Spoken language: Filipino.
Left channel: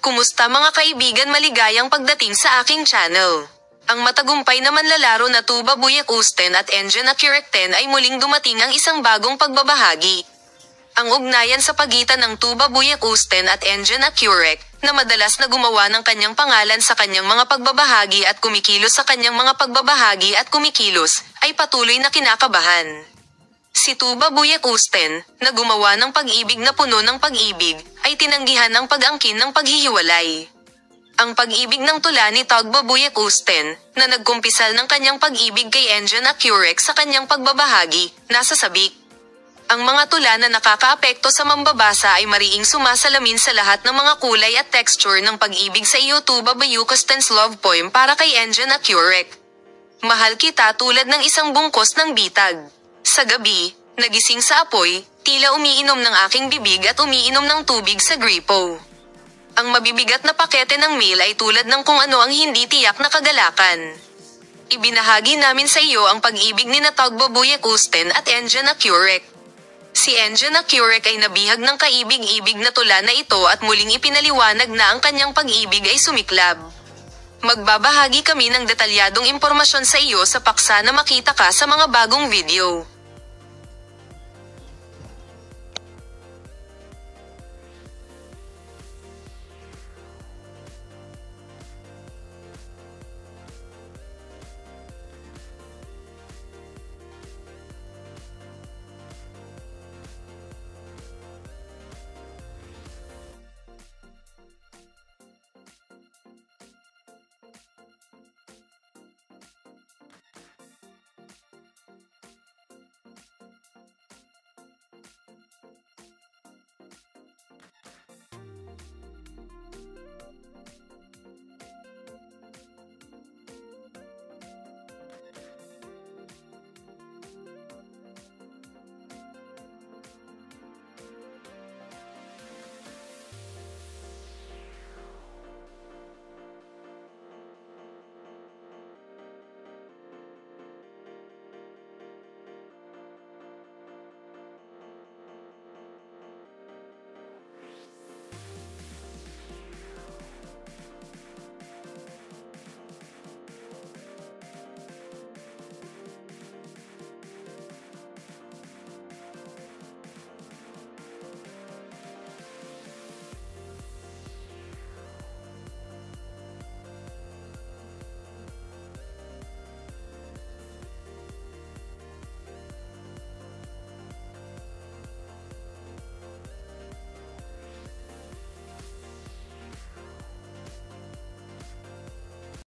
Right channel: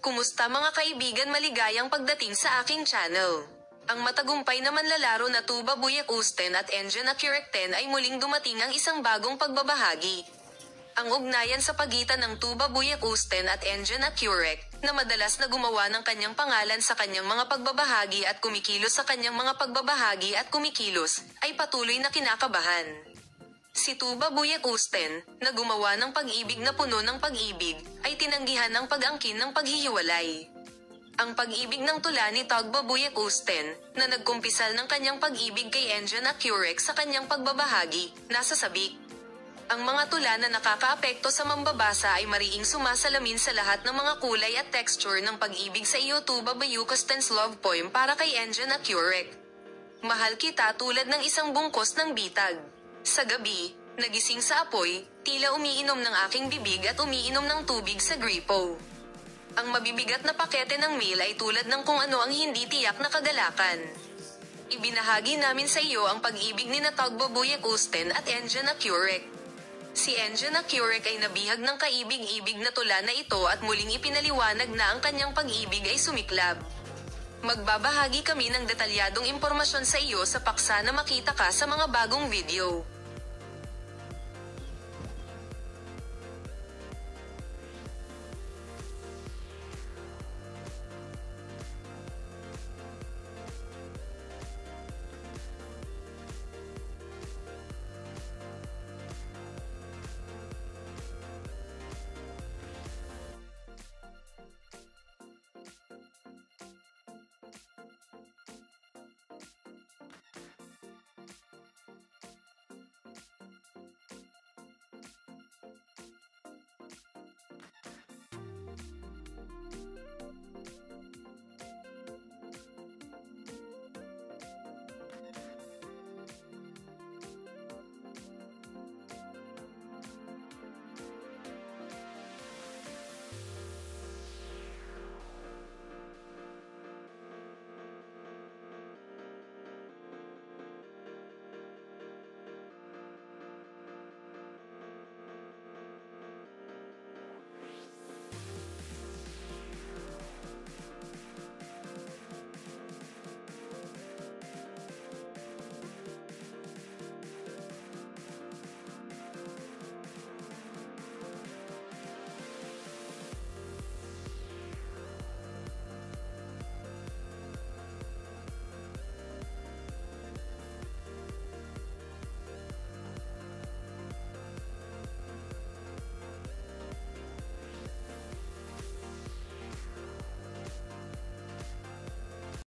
Kumusta mga kaibigan, maligayang pagdating sa aking channel. Ang matagumpay na manlalaro na Tuba Buyak Usten at Engine Accurate 10 ay muling dumating ang isang bagong pagbabahagi. Ang ugnayan sa pagitan ng Tuba Buyak Usten at Engine Accurate, na madalas na gumawa ng kanyang pangalan sa kanyang mga pagbabahagi at kumikilos sa kanyang mga pagbabahagi at kumikilos, ay patuloy na kinakabahan. Si Tuba Buyak Usten, na gumawa ng pag-ibig na puno ng pag-ibig, ay tinanggihan ang pag-angkin ng paghihiwalay. Ang pag-ibig ng tula ni Tuba Buyak Usten, na nagkumpisal ng kanyang pag-ibig kay Engine Accurate sa kanyang pagbabahagi, nasa sabik. Ang mga tula na nakakaapekto sa mambabasa ay mariing sumasalamin sa lahat ng mga kulay at texture ng pag-ibig sa iyo. Tuba Buyak Usten's love poem para kay Engine Accurate. Mahal kita tulad ng isang bungkos ng bitag. Sa gabi, nagising sa apoy, tila umiinom ng aking bibig at umiinom ng tubig sa gripo. Ang mabibigat na pakete ng mail ay tulad ng kung ano ang hindi tiyak na kagalakan. Ibinahagi namin sa iyo ang pag-ibig ni Tuba Buyak Usten at Engine Accurate. Si Engine Accurate ay nabihag ng kaibig-ibig na tula na ito at muling ipinaliwanag na ang kanyang pag-ibig ay sumiklab. Magbabahagi kami ng detalyadong impormasyon sa iyo sa paksa na makita ka sa mga bagong video.